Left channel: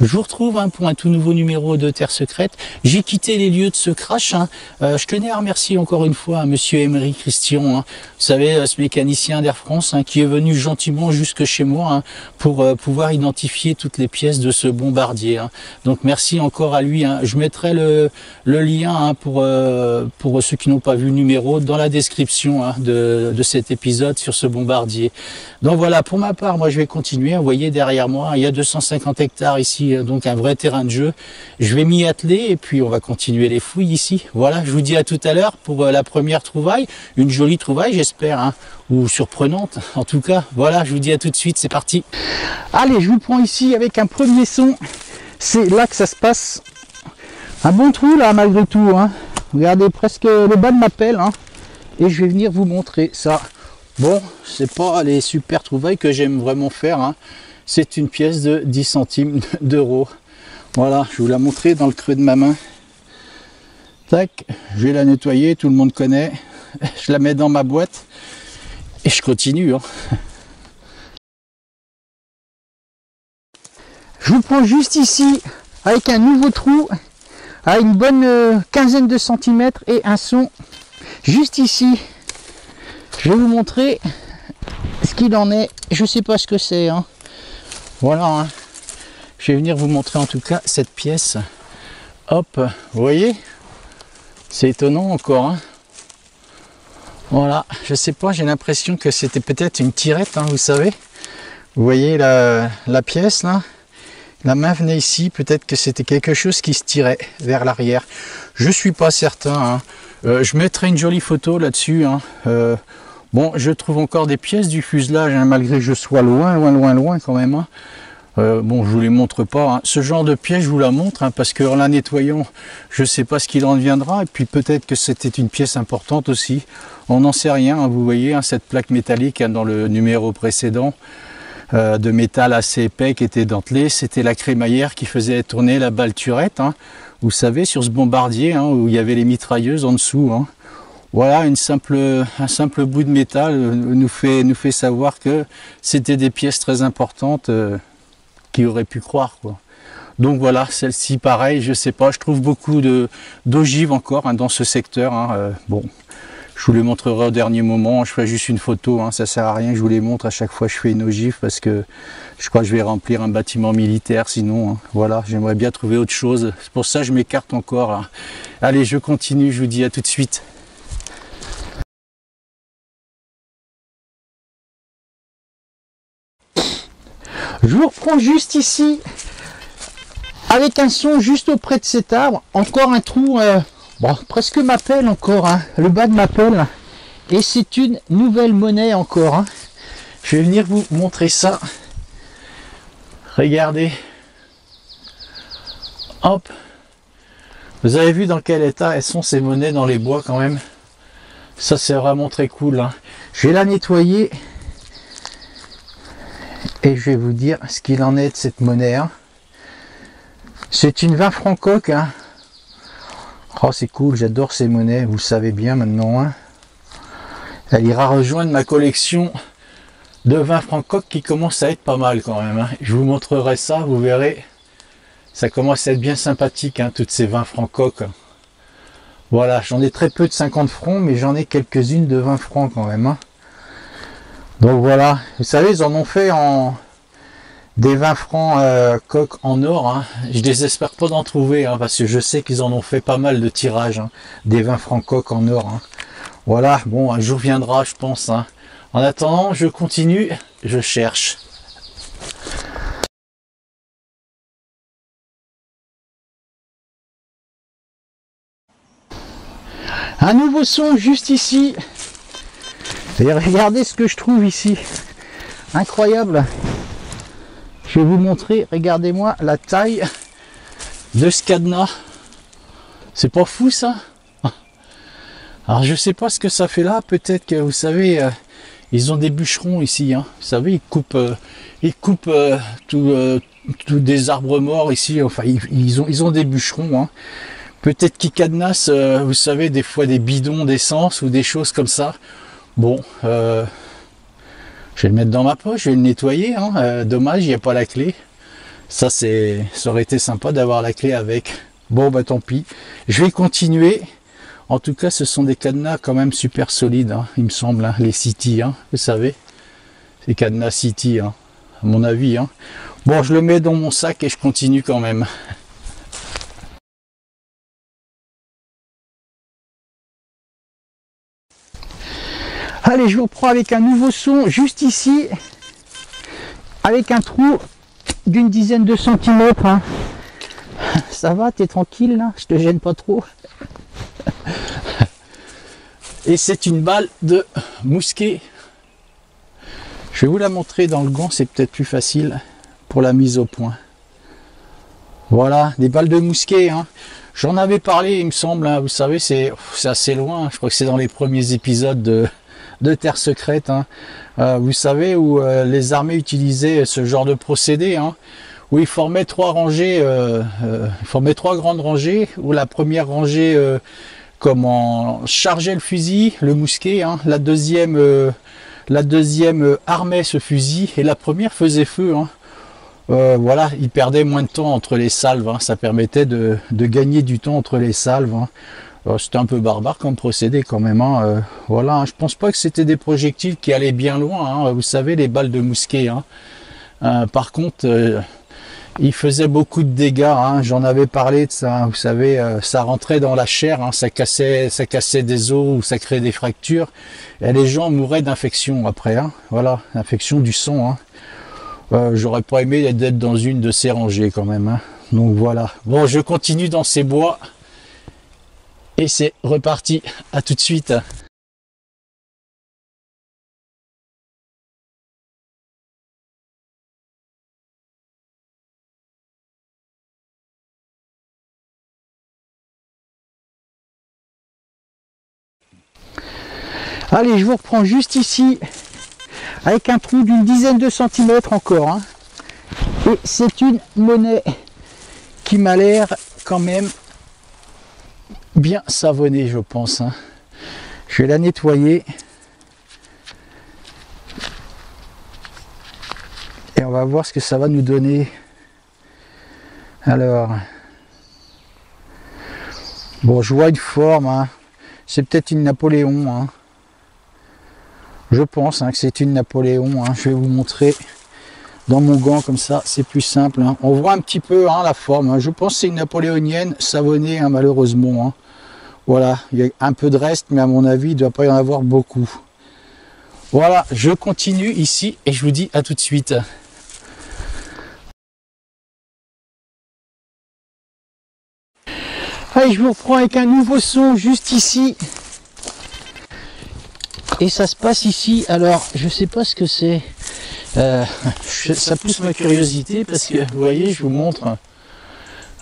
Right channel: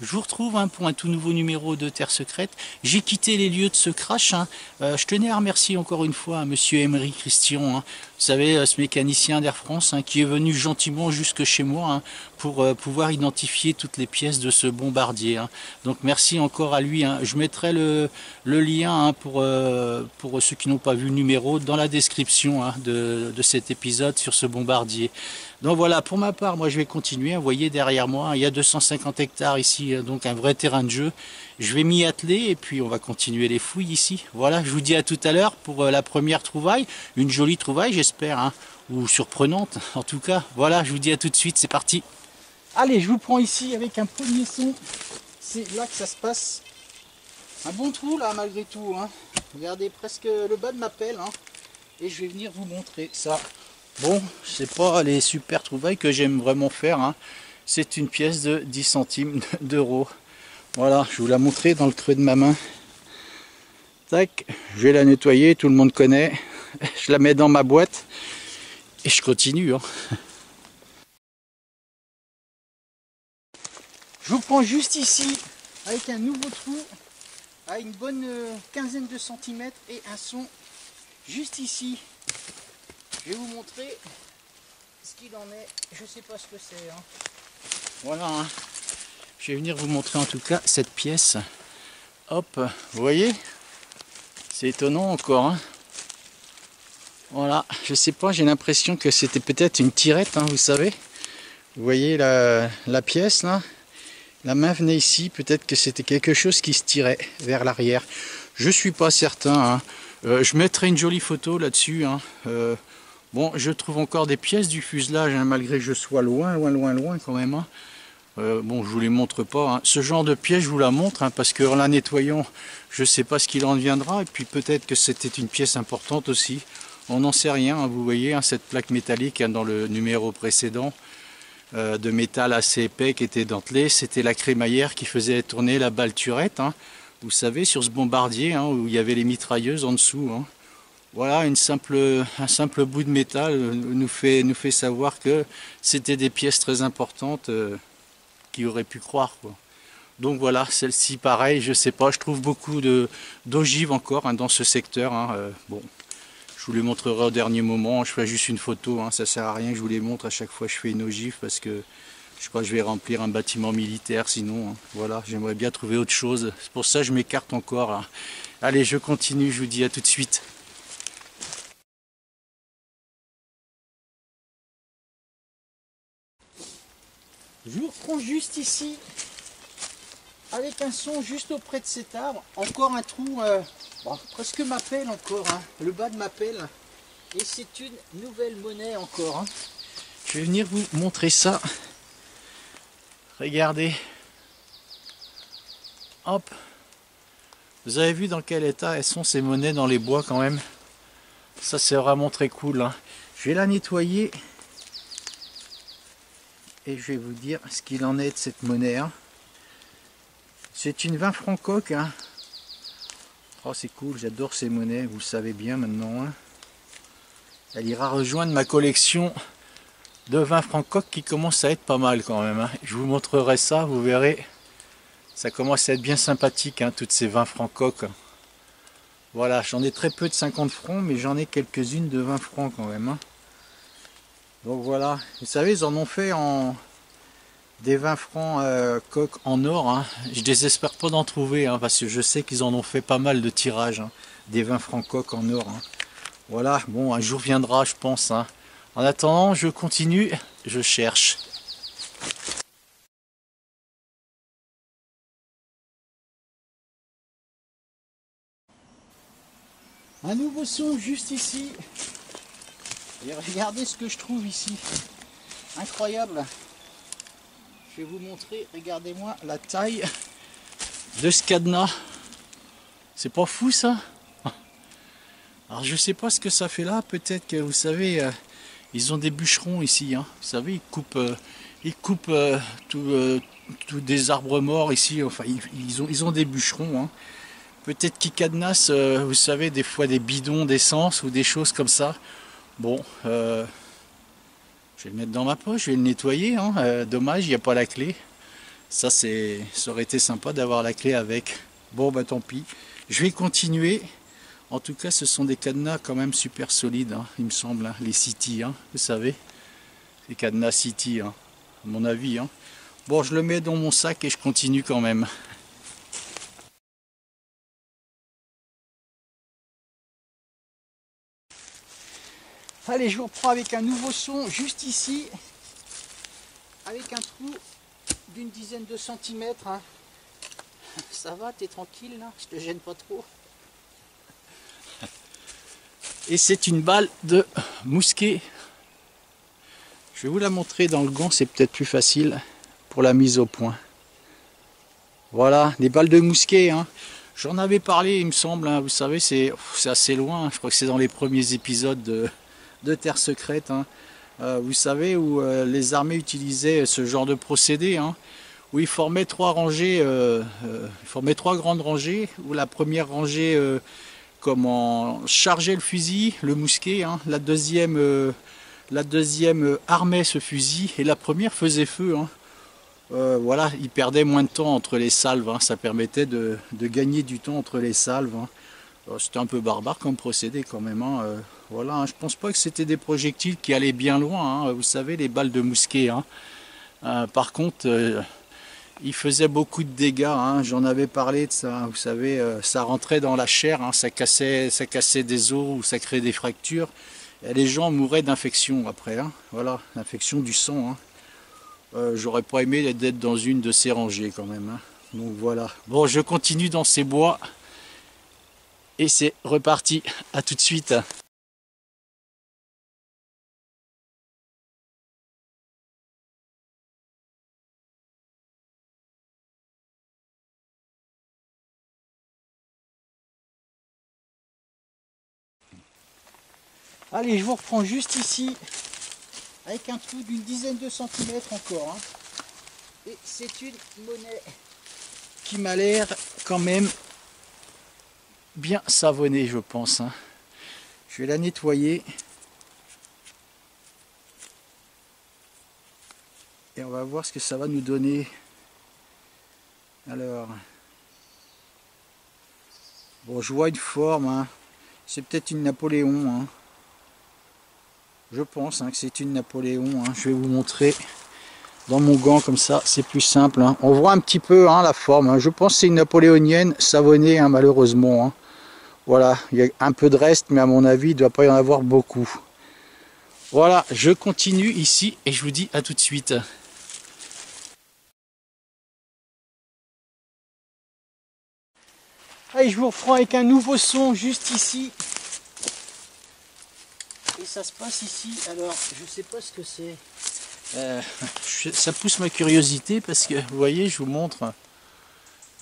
Je vous retrouve pour un tout nouveau numéro de Terre Secrète. J'ai quitté les lieux de ce crash. Je tenais à remercier encore une fois Monsieur Emery Christian, vous savez, ce mécanicien d'Air France, qui est venu gentiment jusque chez moi pour pouvoir identifier toutes les pièces de ce bombardier. Donc merci encore à lui. Je mettrai le lien pour ceux qui n'ont pas vu le numéro dans la description de cet épisode sur ce bombardier. Donc voilà, pour ma part, moi je vais continuer. Vous voyez derrière moi, il y a 250 hectares ici, donc un vrai terrain de jeu. Je vais m'y atteler et puis on va continuer les fouilles ici. Voilà, je vous dis à tout à l'heure pour la première trouvaille. Une jolie trouvaille, j'espère, ou surprenante. En tout cas, voilà, je vous dis à tout de suite, c'est parti. Allez, je vous prends ici avec un premier son. C'est là que ça se passe. Un bon trou là, malgré tout. Regardez, presque le bas de ma pelle. Et je vais venir vous montrer ça. Bon, c'est pas les super trouvailles que j'aime vraiment faire. C'est une pièce de 10 centimes d'euros. Voilà, je vous la montrer dans le creux de ma main. Tac, je vais la nettoyer, tout le monde connaît. Je la mets dans ma boîte et je continue. Je vous prends juste ici avec un nouveau trou à une bonne quinzaine de centimètres et un son juste ici. Je vais vous montrer ce qu'il en est. Je ne sais pas ce que c'est. Voilà. Je vais venir vous montrer en tout cas cette pièce. Hop, vous voyez? C'est étonnant encore. Voilà, je sais pas, j'ai l'impression que c'était peut-être une tirette, vous savez. Vous voyez la pièce là? La main venait ici, peut-être que c'était quelque chose qui se tirait vers l'arrière. Je suis pas certain. Je mettrai une jolie photo là-dessus. Bon, je trouve encore des pièces du fuselage, malgré que je sois loin quand même. Bon, je vous les montre pas. Ce genre de pièce, je vous la montre, parce qu'en la nettoyant, je sais pas ce qu'il en deviendra. Et puis peut-être que c'était une pièce importante aussi. On n'en sait rien. Vous voyez, cette plaque métallique dans le numéro précédent, de métal assez épais qui était dentelé. C'était la crémaillère qui faisait tourner la balle turette. Vous savez, sur ce bombardier, où il y avait les mitrailleuses en dessous. Voilà, un simple bout de métal nous fait savoir que c'était des pièces très importantes qui auraient pu croire, quoi. Donc voilà, celle-ci pareil, je sais pas, je trouve beaucoup d'ogives encore dans ce secteur. Bon, je vous les montrerai au dernier moment, je ferai juste une photo, ça sert à rien que je vous les montre à chaque fois que je fais une ogive parce que je crois que je vais remplir un bâtiment militaire sinon. Voilà, j'aimerais bien trouver autre chose, c'est pour ça que je m'écarte encore. Allez, je continue, je vous dis à tout de suite. Je vous reprends juste ici, avec un son juste auprès de cet arbre. Encore un trou, bon, presque ma pelle encore, le bas de ma pelle. Et c'est une nouvelle monnaie encore. Je vais venir vous montrer ça. Regardez. Hop. Vous avez vu dans quel état elles sont ces monnaies dans les bois quand même. Ça c'est vraiment très cool. Je vais la nettoyer. Et je vais vous dire ce qu'il en est de cette monnaie. C'est une 20 francs coque. Oh, c'est cool, j'adore ces monnaies, vous le savez bien maintenant. Elle ira rejoindre ma collection de 20 francs coque qui commence à être pas mal quand même. Je vous montrerai ça, vous verrez. Ça commence à être bien sympathique, toutes ces 20 francs coque. Voilà, j'en ai très peu de 50 francs, mais j'en ai quelques-unes de 20 francs quand même. Donc voilà, vous savez, ils en ont fait des 20 francs coques en or. Je désespère pas d'en trouver, parce que je sais qu'ils en ont fait pas mal de tirages, des 20 francs coques en or. Voilà, bon, un jour viendra, je pense. En attendant, je continue, je cherche. Un nouveau son juste ici. Et regardez ce que je trouve ici. Incroyable. Je vais vous montrer, regardez-moi la taille de ce cadenas. C'est pas fou ça? Alors je sais pas ce que ça fait là, peut-être que vous savez, ils ont des bûcherons ici. Vous savez, ils coupent tous des arbres morts ici, enfin ils ont des bûcherons. Peut-être qu'ils cadenassent, vous savez, des fois des bidons d'essence ou des choses comme ça. Bon, je vais le mettre dans ma poche, je vais le nettoyer. Dommage, il n'y a pas la clé. Ça aurait été sympa d'avoir la clé avec. Bon bah tant pis. Je vais continuer. En tout cas, ce sont des cadenas quand même super solides, hein, il me semble, hein, les City, hein, vous savez. Les cadenas City, hein, à mon avis. Hein. Bon, je le mets dans mon sac et je continue quand même. Allez, je vous reprends avec un nouveau son, juste ici, avec un trou d'une dizaine de centimètres. Hein. Ça va, t'es tranquille là? Je te gêne pas trop? Et c'est une balle de mousquet. Je vais vous la montrer dans le gant, c'est peut-être plus facile pour la mise au point. Voilà, des balles de mousquet. Hein. J'en avais parlé, il me semble. Hein. Vous savez, c'est assez loin. Je crois que c'est dans les premiers épisodes de Terre Secrète. Hein. Vous savez, où les armées utilisaient ce genre de procédé. Hein, où ils formaient trois rangées, trois grandes rangées. Où la première rangée... comment charger le fusil, le mousquet, hein. La deuxième armait ce fusil et la première faisait feu. Hein. Voilà, il perdait moins de temps entre les salves, hein. Ça permettait de gagner du temps entre les salves. Hein. C'était un peu barbare comme procédé quand même. Hein. Voilà, hein. Je pense pas que c'était des projectiles qui allaient bien loin. Hein. Vous savez, les balles de mousquet. Hein. Par contre... il faisait beaucoup de dégâts, hein. J'en avais parlé de ça, hein. Vous savez, ça rentrait dans la chair, hein. Ça cassait des os ou ça créait des fractures. Et les gens mouraient d'infection après, hein. Voilà, infection du sang. Hein. J'aurais pas aimé d'être dans une de ces rangées quand même. Hein. Donc voilà. Bon, je continue dans ces bois. Et c'est reparti. À tout de suite. Allez, je vous reprends juste ici, avec un trou d'une dizaine de centimètres encore. Hein. Et c'est une monnaie qui m'a l'air quand même bien savonnée, je pense. Hein. Je vais la nettoyer. Et on va voir ce que ça va nous donner. Alors, bon, je vois une forme. Hein. C'est peut-être une Napoléon. Hein. Je pense hein, que c'est une Napoléon. Hein. Je vais vous montrer dans mon gant comme ça, c'est plus simple. Hein. On voit un petit peu hein, la forme. Hein. Je pense que c'est une napoléonienne savonnée, hein, malheureusement. Hein. Voilà, il y a un peu de reste, mais à mon avis, il ne doit pas y en avoir beaucoup. Voilà, je continue ici et je vous dis à tout de suite. Allez, je vous reprends avec un nouveau son juste ici. Et ça se passe ici. Alors, je sais pas ce que c'est. Ça pousse ma curiosité parce que, vous voyez, je vous montre.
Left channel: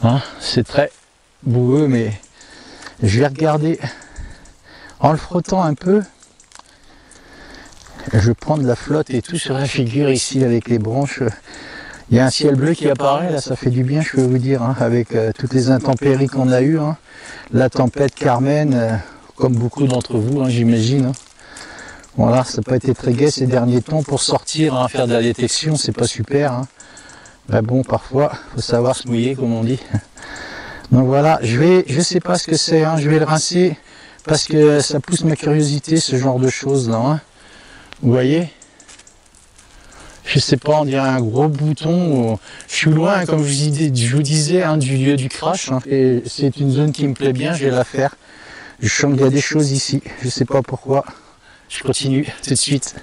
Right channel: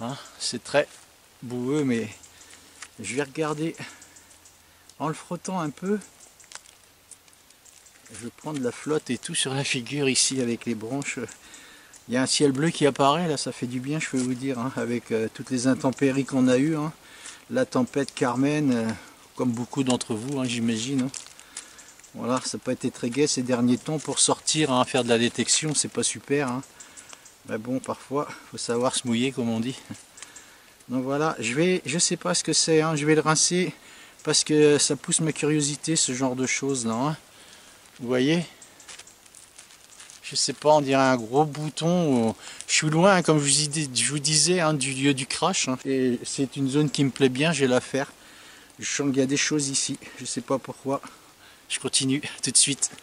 Hein, c'est très boueux, mais je vais regarder en le frottant un peu. Je vais prendre la flotte et tout sur la figure ici avec les branches. Il y a un ciel bleu qui apparaît, là, ça fait du bien, je peux vous dire, hein, avec toutes les intempéries qu'on a eues. Hein. La tempête Carmen, comme beaucoup d'entre vous, hein, j'imagine. Hein. Voilà, ça n'a pas été très gai ces derniers temps. Pour sortir, hein, faire de la détection, c'est pas super. Hein. Ben bon, parfois, il faut savoir se mouiller, comme on dit. Donc voilà, je sais pas ce que c'est, hein, je vais le rincer, parce que ça pousse ma curiosité, ce genre de choses là. Hein. Vous voyez? Je sais pas, on dirait un gros bouton. Je suis loin, hein, comme je vous disais, hein, du lieu du crash. Hein, et c'est une zone qui me plaît bien, je vais la faire. Je sens qu'il y a des choses ici, je sais pas pourquoi. Je continue tout de suite.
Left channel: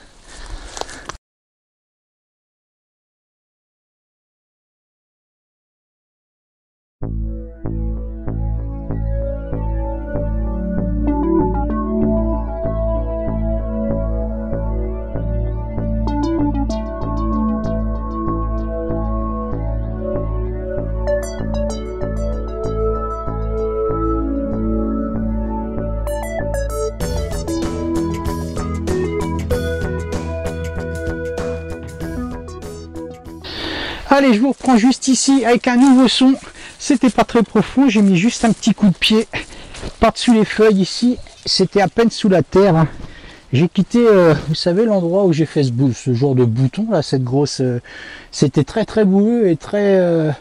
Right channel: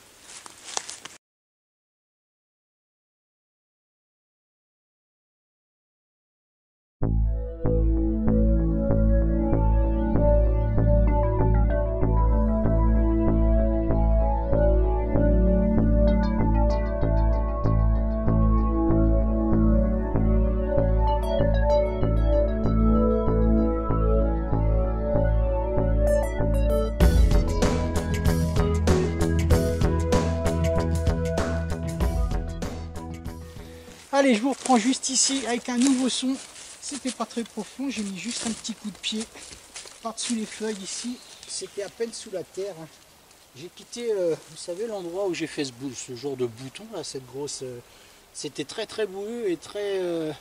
Allez, je vous reprends juste ici avec un nouveau son. C'était pas très profond, j'ai mis juste un petit coup de pied par-dessus les feuilles ici. C'était à peine sous la terre. Hein. J'ai quitté, vous savez, l'endroit où j'ai fait ce genre de bouton, là, cette grosse... c'était très très boueux et très...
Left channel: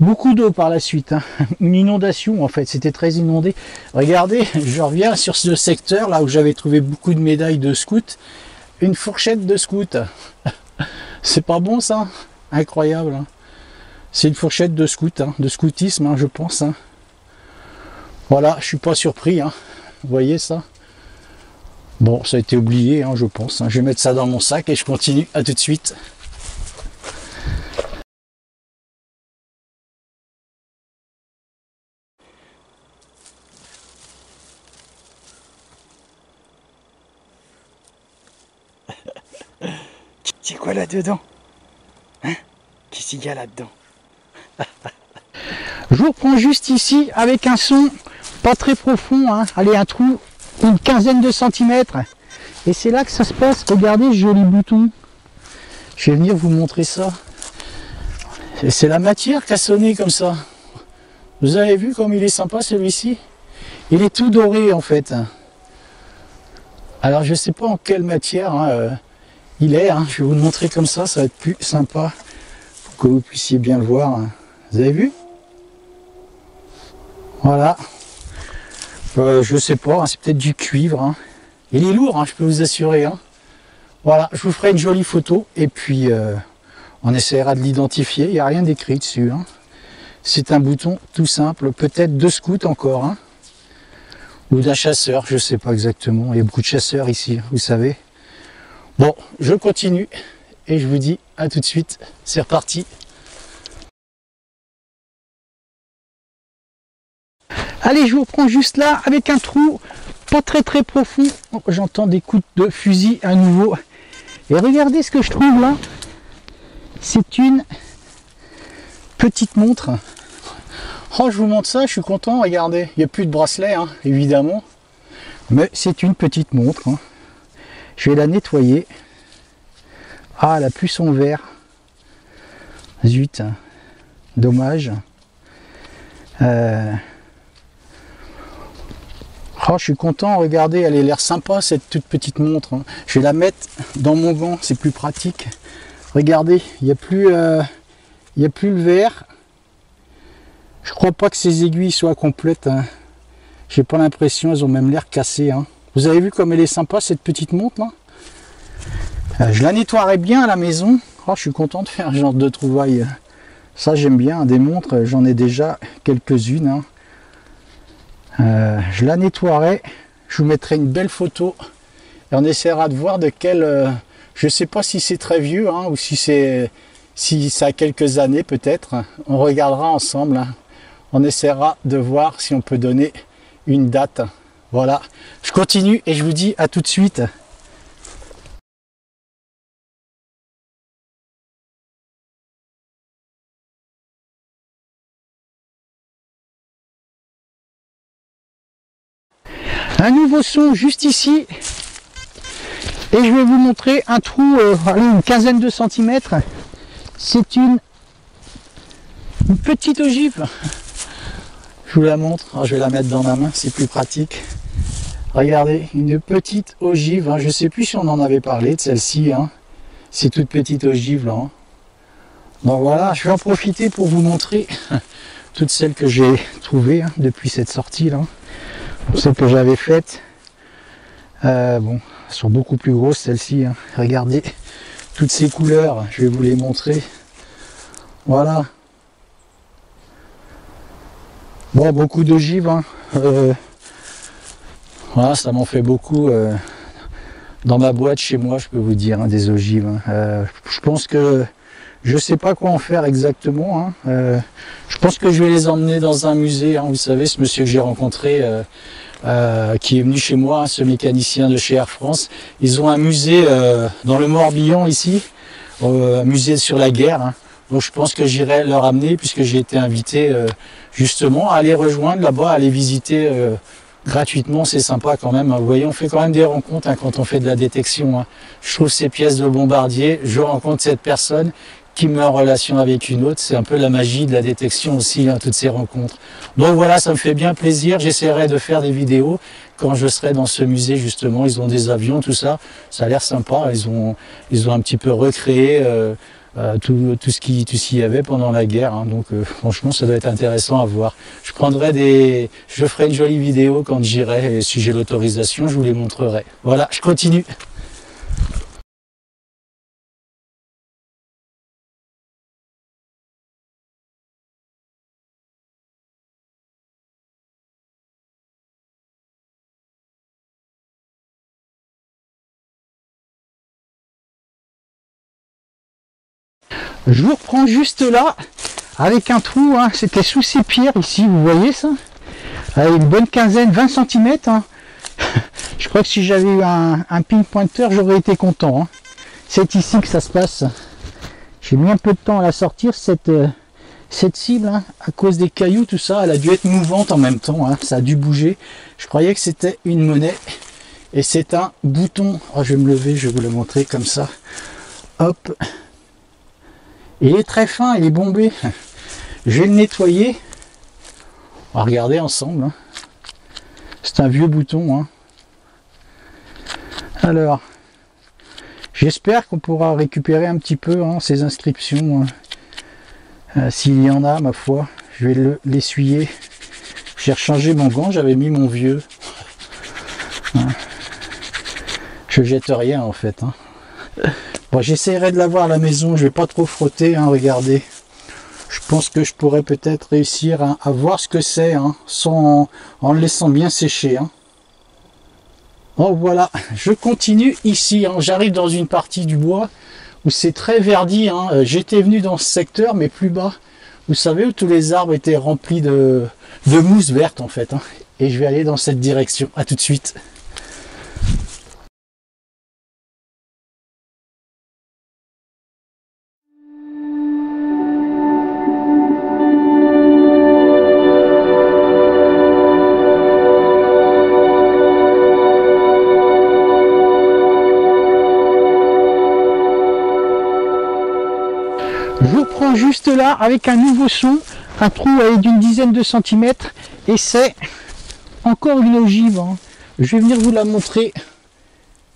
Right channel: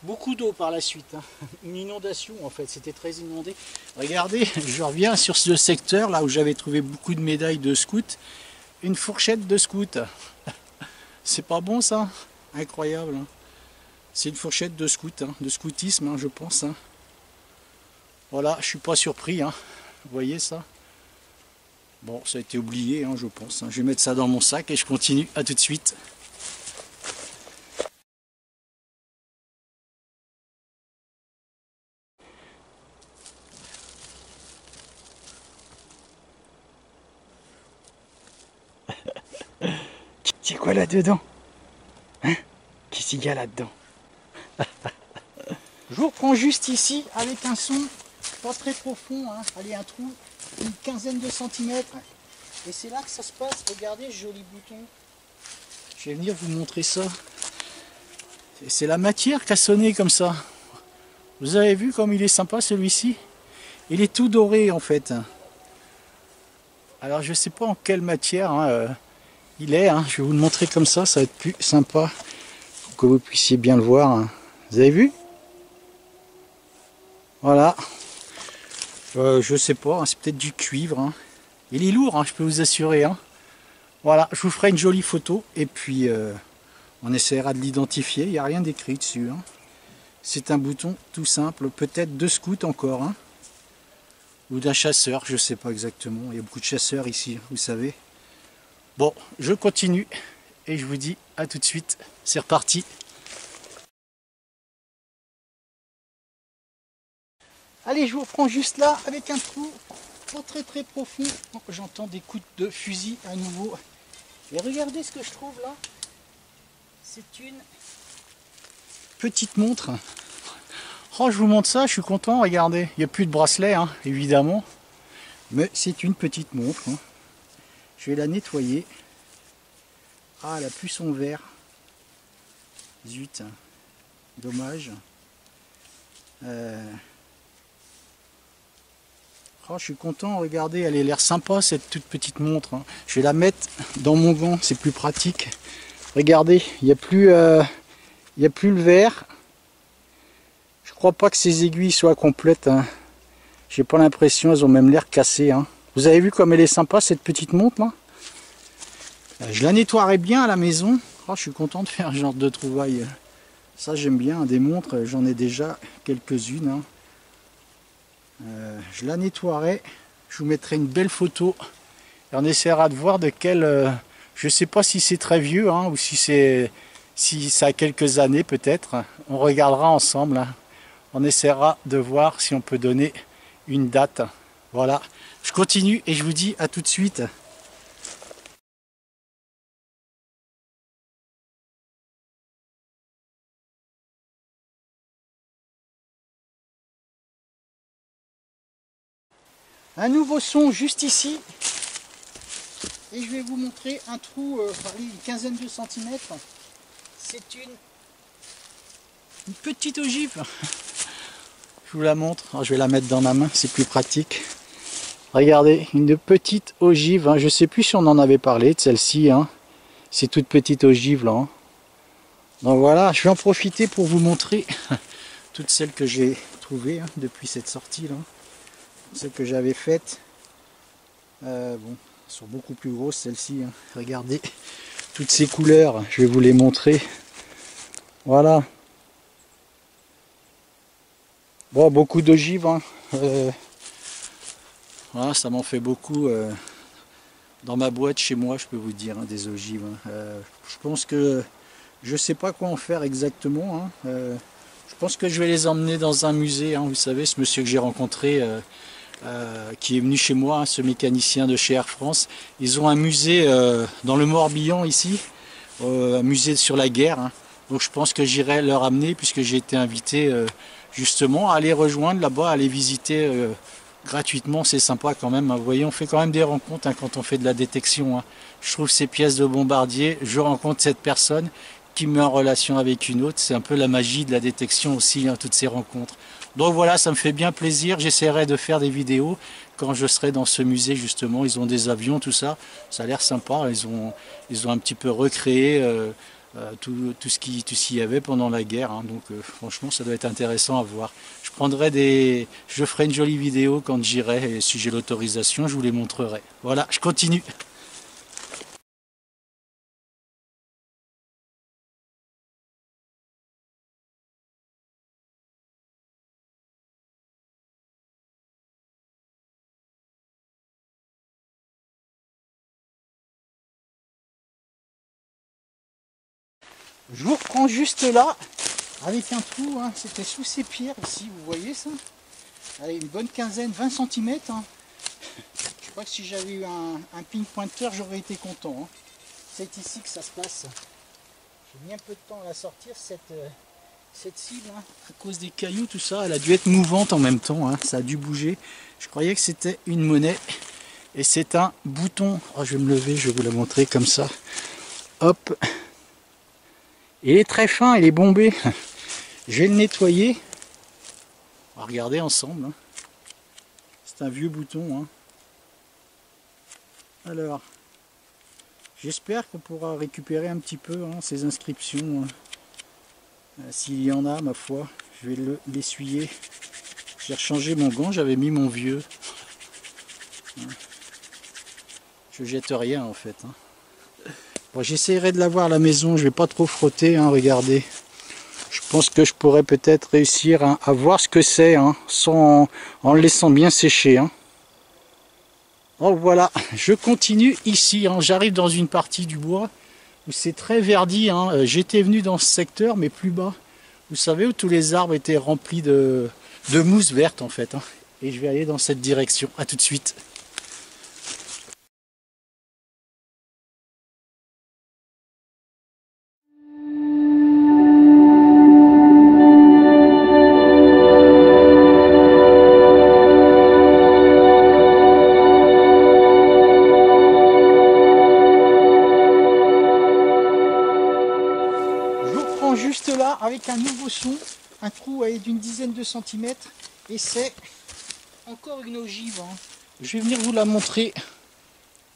beaucoup d'eau par la suite. Hein. Une inondation, en fait, c'était très inondé. Regardez, je reviens sur ce secteur, là où j'avais trouvé beaucoup de médailles de scout. Une fourchette de scout. C'est pas bon, ça? Incroyable. Hein. C'est une fourchette de scout, hein, de scoutisme, hein, je pense. Hein. Voilà, je suis pas surpris. Hein. Vous voyez ça? Bon, ça a été oublié, hein, je pense. Hein. Je vais mettre ça dans mon sac et je continue. À tout de suite. C'est quoi là-dedans? Hein? Qu'est-ce qu'il y a là-dedans? Je vous reprends juste ici avec un son pas très profond. Hein. Allez, un trou, une quinzaine de centimètres. Et c'est là que ça se passe. Regardez ce joli bouton. Je vais venir vous montrer ça. C'est la matière qui a sonné comme ça. Vous avez vu comme il est sympa celui-ci? Il est tout doré en fait. Alors je ne sais pas en quelle matière hein, il est. Hein. Je vais vous le montrer comme ça va être plus sympa. Pour que vous puissiez bien le voir. Hein. Vous avez vu? Voilà. Je sais pas, hein, c'est peut-être du cuivre. Hein. Il est lourd, hein, je peux vous assurer. Hein. Voilà, je vous ferai une jolie photo et puis on essaiera de l'identifier. Il n'y a rien d'écrit dessus. Hein. C'est un bouton tout simple, peut-être de scout encore. Hein. Ou d'un chasseur, je ne sais pas exactement. Il y a beaucoup de chasseurs ici, vous savez. Bon, je continue et je vous dis à tout de suite. C'est reparti. Allez, je vous reprends juste là avec un trou pas très très profond. Oh, j'entends des coups de fusil à nouveau. Et regardez ce que je trouve là. C'est une petite montre. Oh, je vous montre ça, je suis content. Regardez, il n'y a plus de bracelet, hein, évidemment. Mais c'est une petite montre. Hein. Je vais la nettoyer. Ah, elle a plus son verre. Zut, dommage. Oh, je suis content, regardez, elle a l'air sympa cette toute petite montre. Hein. Je vais la mettre dans mon gant, c'est plus pratique. Regardez, il n'y a plus le verre. Je crois pas que ces aiguilles soient complètes. Hein. J'ai pas l'impression, elles ont même l'air cassées. Hein. Vous avez vu comme elle est sympa cette petite montre là? Je la nettoierai bien à la maison. Oh, je suis content de faire un genre de trouvaille. Ça j'aime bien, des montres, j'en ai déjà quelques-unes. Hein. Je la nettoierai, je vous mettrai une belle photo et on essaiera de voir de quel... je ne sais pas si c'est très vieux hein, ou si ça a quelques années peut-être. On regardera ensemble. Hein. On essaiera de voir si on peut donner une date. Voilà, je continue et je vous dis à tout de suite. Un nouveau son juste ici et je vais vous montrer un trou une quinzaine de centimètres. C'est une petite ogive. Je vous la montre, je vais la mettre dans ma main, c'est plus pratique. Regardez, une petite ogive, hein. Je ne sais plus si on en avait parlé de celle-ci. Hein. C'est toute petite ogive là. Hein. Donc voilà, je vais en profiter pour vous montrer toutes celles que j'ai trouvées hein, depuis cette sortie là. Celles que j'avais faites, bon, elles sont beaucoup plus grosses celles-ci. Hein. Regardez, toutes ces couleurs, je vais vous les montrer. Voilà. Bon, beaucoup d'ogives. Hein. Voilà, ça m'en fait beaucoup dans ma boîte chez moi, je peux vous dire, hein, des ogives. Hein. Je pense que je ne sais pas quoi en faire exactement. Hein. Je pense que je vais les emmener dans un musée. Hein. Vous savez, ce monsieur que j'ai rencontré, qui est venu chez moi, ce mécanicien de chez Air France, ils ont un musée dans le Morbihan ici, un musée sur la guerre. Hein. Donc je pense que j'irai leur amener, puisque j'ai été invité justement à les rejoindre là-bas, à les visiter gratuitement. C'est sympa quand même. Vous voyez, on fait quand même des rencontres hein, quand on fait de la détection. Hein. Je trouve ces pièces de bombardier, je rencontre cette personne qui me met en relation avec une autre. C'est un peu la magie de la détection aussi, hein, toutes ces rencontres. Donc voilà, ça me fait bien plaisir. J'essaierai de faire des vidéos quand je serai dans ce musée justement. Ils ont des avions, tout ça. Ça a l'air sympa. Ils ont un petit peu recréé tout ce qu'il y avait pendant la guerre. Hein. Donc franchement, ça va être intéressant à voir. Je ferai une jolie vidéo quand j'irai. Et si j'ai l'autorisation, je vous les montrerai. Voilà, je continue. Je vous reprends juste là, avec un trou, hein. C'était sous ces pierres ici, vous voyez ça? Avec une bonne quinzaine, 20 cm. Hein. Je crois que si j'avais eu un pin pointeur, j'aurais été content. Hein. C'est ici que ça se passe. J'ai mis un peu de temps à la sortir, cette cible, hein, à cause des cailloux, tout ça. Elle a dû être mouvante en même temps, hein. Ça a dû bouger. Je croyais que c'était une monnaie. Et c'est un bouton. Oh, je vais me lever, je vais vous le montrer comme ça. Hop. Il est très fin, il est bombé. Je vais le nettoyer. On va regarder ensemble. Hein. C'est un vieux bouton. Hein. Alors, j'espère qu'on pourra récupérer un petit peu hein, ces inscriptions. S'il y en a, ma foi, je vais l'essuyer. J'ai rechangé mon gant, j'avais mis mon vieux. Hein. Je jette rien en fait. Hein. Bon, j'essaierai de l'avoir à la maison, je vais pas trop frotter, hein, regardez. Je pense que je pourrais peut-être réussir à voir ce que c'est, hein, en le laissant bien sécher. Hein. Bon voilà, je continue ici, hein, j'arrive dans une partie du bois où c'est très verdi. Hein. J'étais venu dans ce secteur, mais plus bas. Vous savez, où tous les arbres étaient remplis de mousse verte en fait. Hein. Et je vais aller dans cette direction, à tout de suite. Je vous reprends juste là avec un nouveau son, un trou d'une dizaine de centimètres, et c'est encore une ogive. Hein. Je vais venir vous la montrer.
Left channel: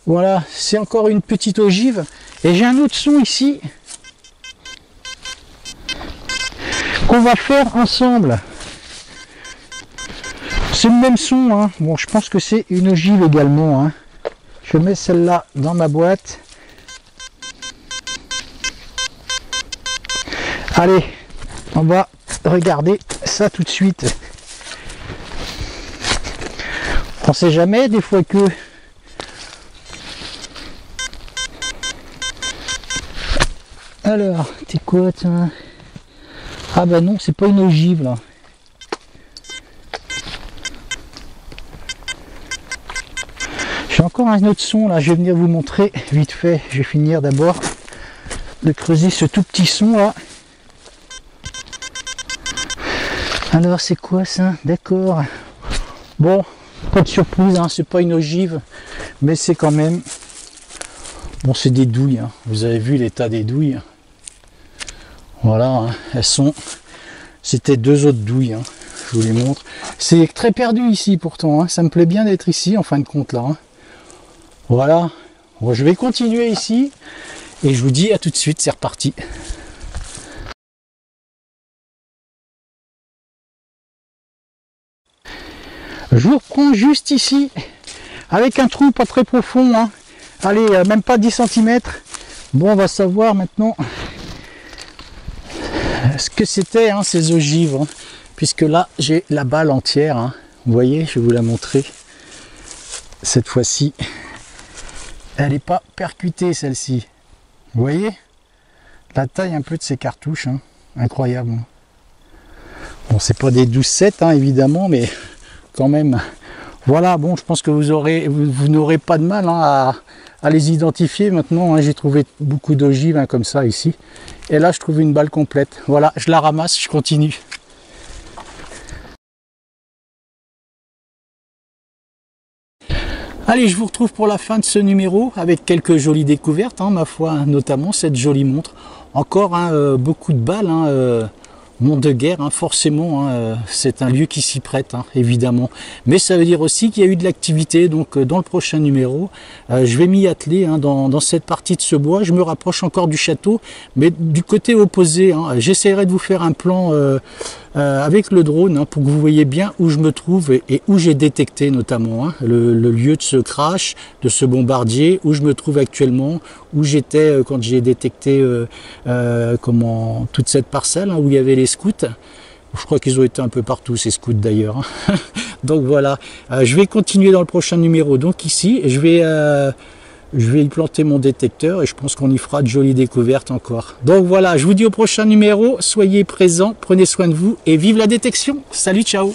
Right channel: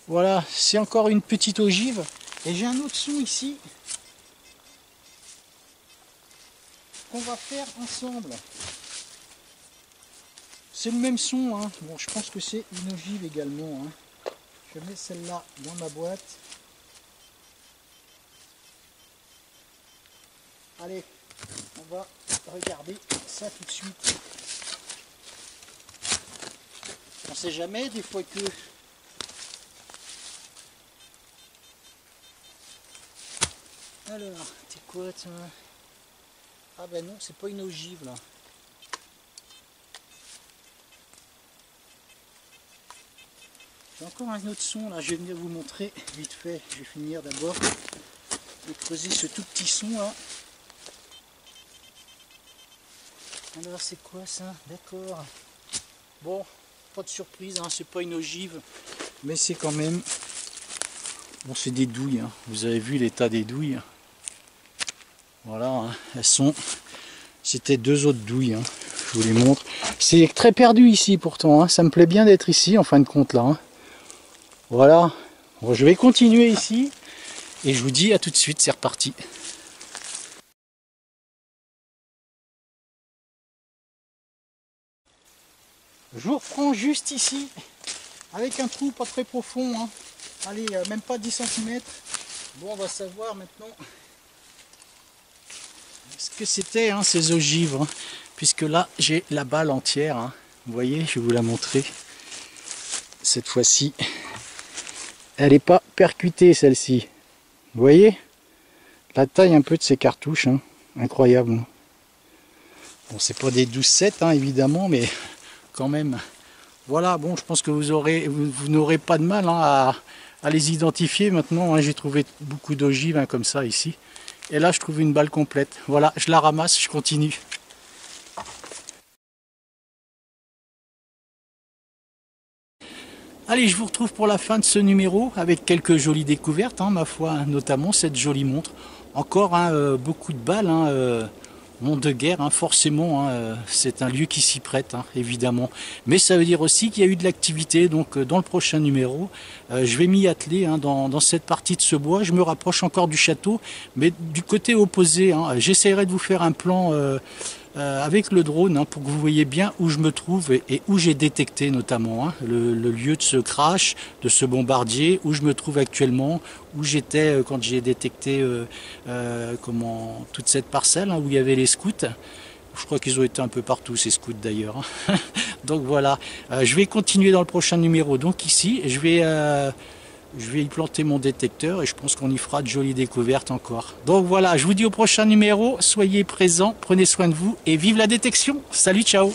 Voilà, c'est encore une petite ogive. Et j'ai un autre son ici qu'on va faire ensemble. C'est le même son. Hein. Bon, je pense que c'est une ogive également. Hein. Je mets celle-là dans ma boîte. Allez, on va regarder ça tout de suite. On sait jamais, des fois que... Alors, t'es quoi, toi? Ah bah non, c'est pas une ogive, là. J'ai encore un autre son, là, je vais venir vous montrer vite fait. Je vais finir d'abord de creuser ce tout petit son, là. Alors c'est quoi ça? D'accord. Bon, pas de surprise, hein, c'est pas une ogive, mais c'est quand même... Bon, c'est des douilles, hein. Vous avez vu l'état des douilles. Voilà, hein. Elles sont... C'était deux autres douilles, hein. Je vous les montre. C'est très perdu ici pourtant, hein. Ça me plaît bien d'être ici en fin de compte là. Hein. Voilà. Bon, je vais continuer ici et je vous dis à tout de suite, c'est reparti. Je vous reprends juste ici, avec un trou pas très profond, hein. Allez, même pas 10 cm. Bon, on va savoir maintenant ce que c'était hein, ces ogives, hein. Puisque là, j'ai la balle entière. Hein. Vous voyez, je vais vous la montrer. Cette fois-ci, elle n'est pas percutée, celle-ci. Vous voyez la taille un peu de ces cartouches, hein. Incroyable. Bon, c'est pas des 12-7, hein, évidemment, mais... quand même. Voilà, bon, je pense que vous n'aurez pas de mal hein, à les identifier maintenant. Hein. J'ai trouvé beaucoup d'ogives hein, comme ça ici. Et là, je trouve une balle complète. Voilà, je la ramasse, je continue. Allez, je vous retrouve pour la fin de ce numéro avec quelques jolies découvertes, hein, ma foi, notamment cette jolie montre Encore hein, beaucoup de balles, hein, monde de guerre, hein, forcément, hein, c'est un lieu qui s'y prête, hein, évidemment. Mais ça veut dire aussi qu'il y a eu de l'activité, donc dans le prochain numéro, je vais m'y atteler hein, dans cette partie de ce bois. Je me rapproche encore du château, mais du côté opposé. Hein, j'essaierai de vous faire un plan avec le drone hein, pour que vous voyez bien où je me trouve et où j'ai détecté notamment hein, le lieu de ce crash, de ce bombardier, où je me trouve actuellement, où j'étais quand j'ai détecté toute cette parcelle hein, où il y avait les scouts. Je crois qu'ils ont été un peu partout ces scouts d'ailleurs. Donc voilà, je vais continuer dans le prochain numéro. Donc ici, je vais y planter mon détecteur et je pense qu'on y fera de jolies découvertes encore. Donc voilà, je vous dis au prochain numéro, soyez présents, prenez soin de vous et vive la détection. Salut, ciao!